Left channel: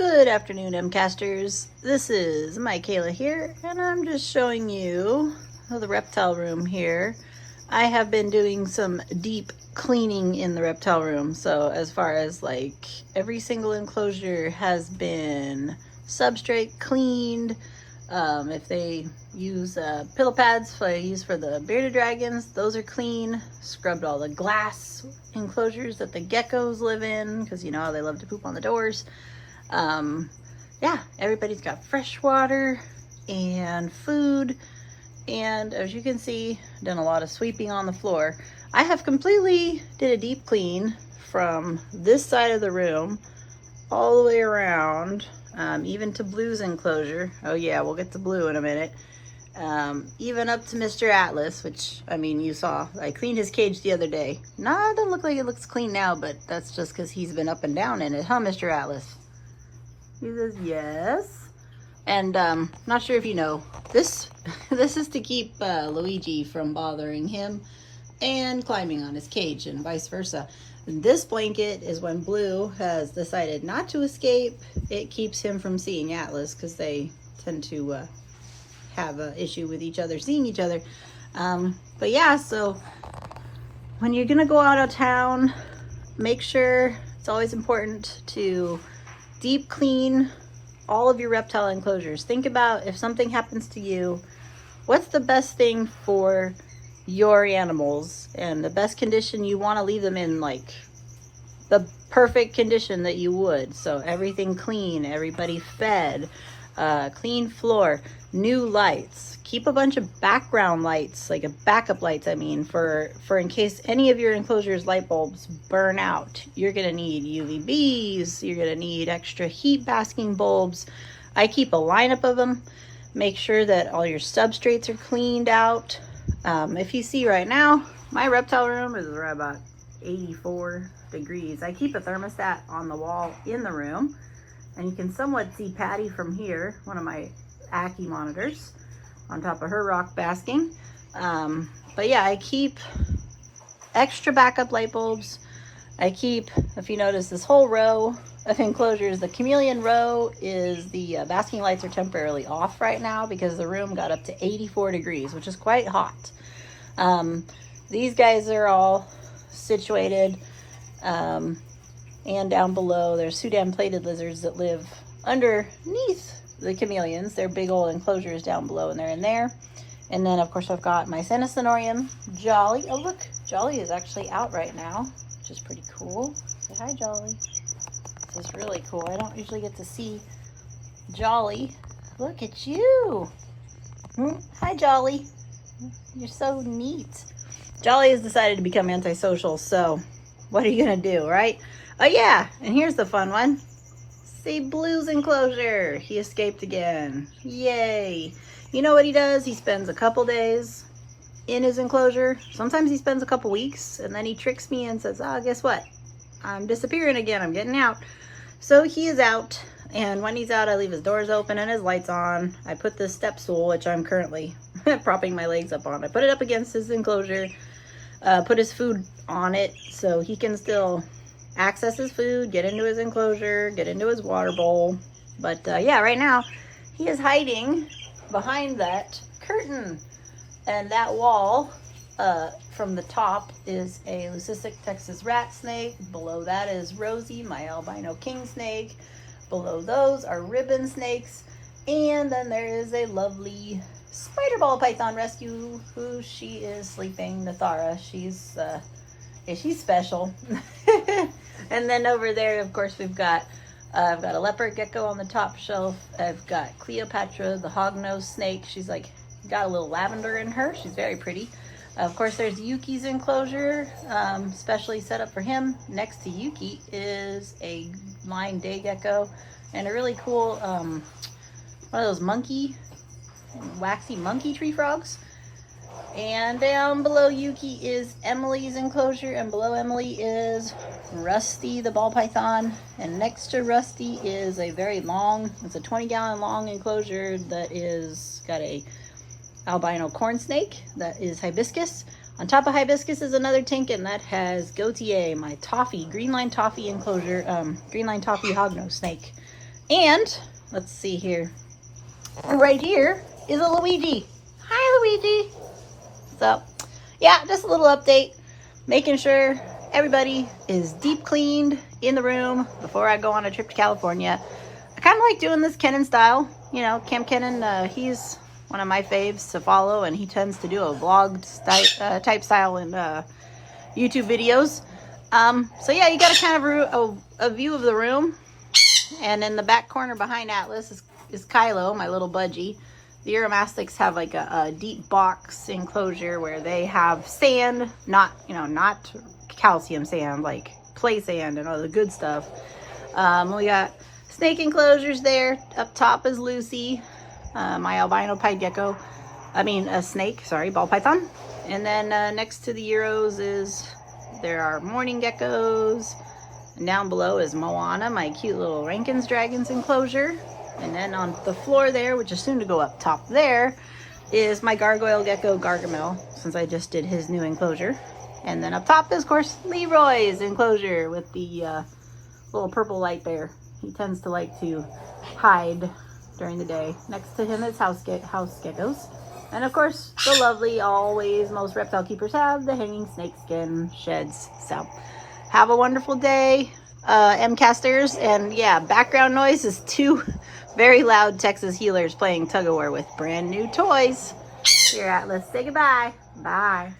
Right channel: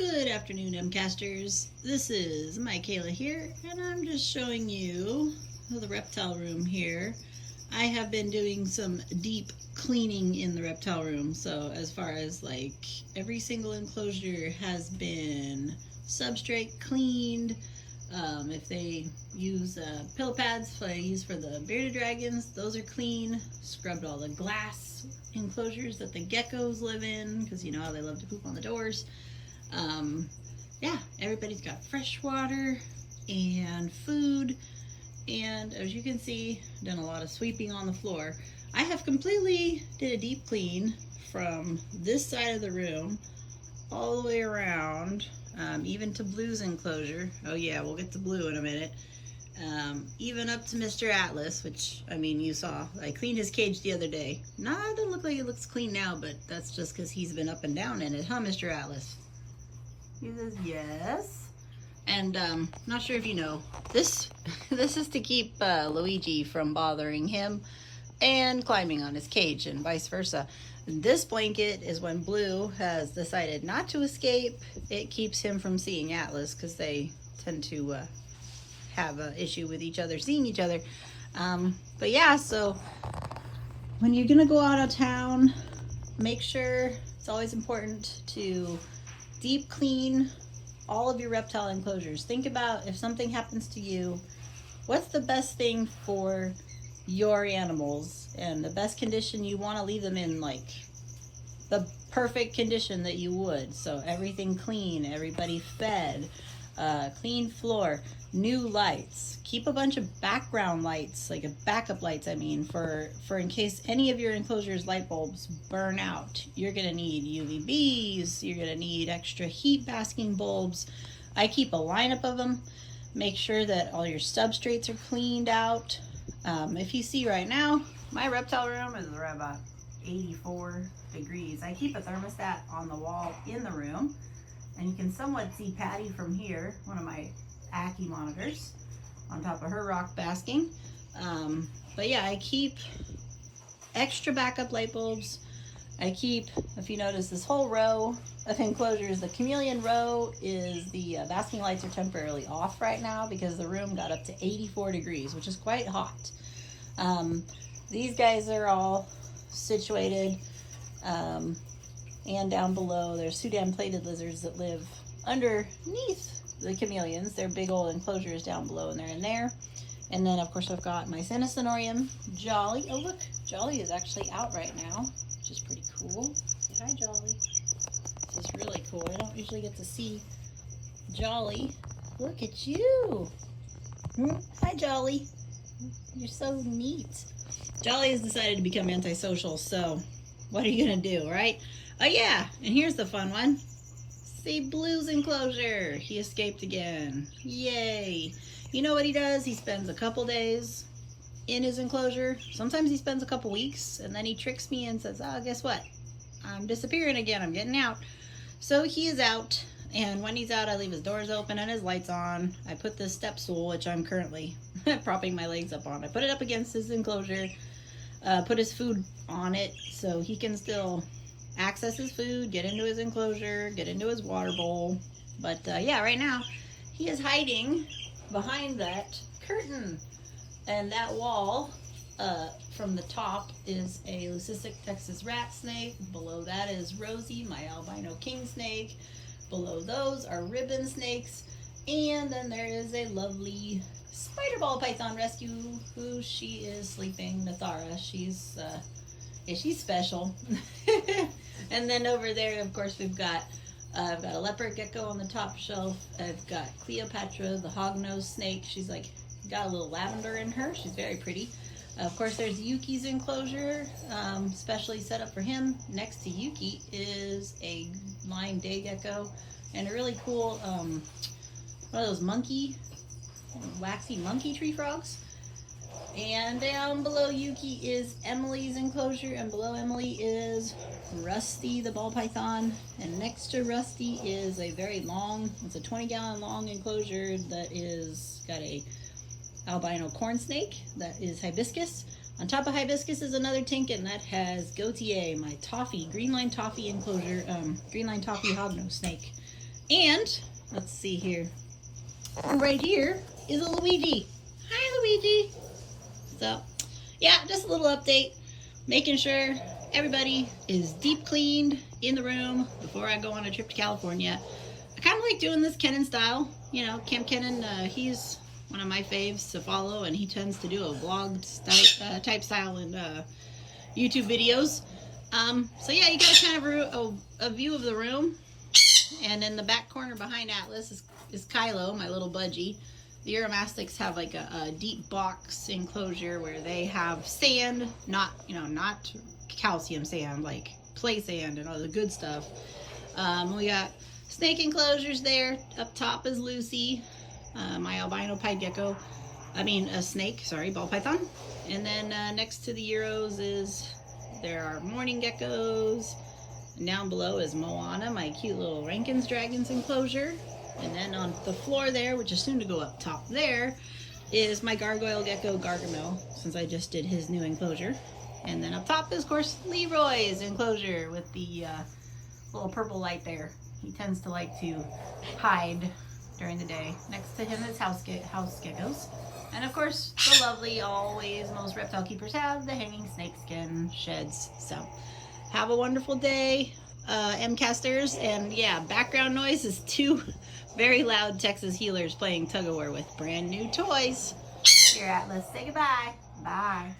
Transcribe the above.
Good afternoon, Mcasters. This is Michaela here, and I'm just showing you the reptile room here. I have been doing some deep cleaning in the reptile room. So as far as like every single enclosure has been substrate cleaned. If they use pillow pads I use for the bearded dragons, those are clean. Scrubbed all the glass enclosures that the geckos live in, because you know how they love to poop on the doors. Yeah, everybody's got fresh water and food, and as you can see, done a lot of sweeping on the floor. I have completely did a deep clean from this side of the room all the way around, even to Blue's enclosure. Oh yeah, we'll get to Blue in a minute. Even up to Mr. Atlas, which, I mean, you saw. I cleaned his cage the other day. Nah, it doesn't look like it looks clean now, but that's just because he's been up and down in it, huh, Mr. Atlas? He says yes. And not sure if you know, this is to keep Luigi from bothering him and climbing on his cage, and vice versa. This blanket is when Blue has decided not to escape. It keeps him from seeing Atlas, because they tend to have an issue with each other seeing each other. But yeah, so when you're gonna go out of town, make sure, it's always important to deep clean all of your reptile enclosures. Think about, if something happens to you, what's the best thing for your animals, and the best condition you want to leave them in, like the perfect condition that you would. So everything clean, everybody fed, clean floor, new lights. Keep a bunch of background lights, like a backup lights, I mean, for in case any of your enclosures light bulbs burn out. You're gonna need UVBs, you're gonna need extra heat basking bulbs. I keep a lineup of them. Make sure that all your substrates are cleaned out. If you see right now, my reptile room is right about 84 degrees. I keep a thermostat on the wall in the room, and you can somewhat see Patty from here, one of my Ackie monitors, on top of her rock basking. But yeah, I keep extra backup light bulbs. I keep, if you notice, this whole row of enclosures, the chameleon row is the basking lights are temporarily off right now because the room got up to 84 degrees, which is quite hot. These guys are all situated, and down below there's Sudan plated lizards that live underneath the chameleons. They're big old enclosures down below, and they're in there. And then of course I've got my Senescenorium, Jolly. Oh look, Jolly is actually out right now, which is pretty cool. Say hi, Jolly. This is really cool. I don't usually get to see Jolly. Look at you. Hi, Jolly. You're so neat. Jolly has decided to become antisocial, so what are you gonna do, right? Oh yeah, and here's the fun one. See Blue's enclosure. He escaped again. Yay. You know what he does? He spends a couple days in his enclosure. Sometimes he spends a couple weeks, and then he tricks me and says, oh, guess what? I'm disappearing again. I'm getting out. So he is out, and when he's out, I leave his doors open and his lights on. I put this step stool, which I'm currently propping my legs up on. I put it up against his enclosure, put his food on it so he can still access his food, get into his enclosure, get into his water bowl. But yeah, right now he is hiding behind that curtain, and that wall from the top is a leucistic Texas rat snake. Below that is Rosie, my albino king snake. Below those are ribbon snakes, and then there is a lovely spider ball python rescue who she is sleeping, Nathara. She's special. And then over there, of course, we've got I've got a leopard gecko on the top shelf. I've got Cleopatra, the hognose snake. She's like got a little lavender in her. She's very pretty. Of course, there's Yuki's enclosure, specially set up for him. Next to Yuki is a line day gecko and a really cool one of those waxy monkey tree frogs. And down below Yuki is Emily's enclosure, and below Emily is Rusty the ball python, and next to Rusty is a very long, it's a 20-gallon long enclosure that is got a albino corn snake that is hibiscus. On top of hibiscus is another tank, and that has Gautier, my toffee, green line toffee enclosure, green line toffee hognose snake. And let's see here. Right here is a Luigi. Hi, Luigi. So, yeah, just a little update. Making sure everybody is deep cleaned in the room before I go on a trip to California. I kind of like doing this Kenan style. You know, Cam Kenan, he's one of my faves to follow, and he tends to do a vlog type style in YouTube videos. So yeah, you got a kind of a view of the room. And in the back corner behind Atlas is Kylo, my little budgie. The Uromastics have like a deep box enclosure where they have sand, not calcium sand, like play sand and all the good stuff. We got snake enclosures there. Up top is Lucy, my albino pied gecko. A snake, sorry, ball python. And then next to the Euros there are morning geckos. And down below is Moana, my cute little Rankins Dragons enclosure. And then on the floor there, which is soon to go up top there, is my gargoyle gecko Gargamel, since I just did his new enclosure. And then up top is, of course, Leroy's enclosure with the little purple light there. He tends to like to hide during the day. Next to him is house geckos. And of course, the lovely, always, most reptile keepers have the hanging snakeskin sheds. So, have a wonderful day, M-casters. And yeah, background noise is two very loud Texas healers playing tug-of-war with brand new toys. Here, Atlas, say goodbye. Bye.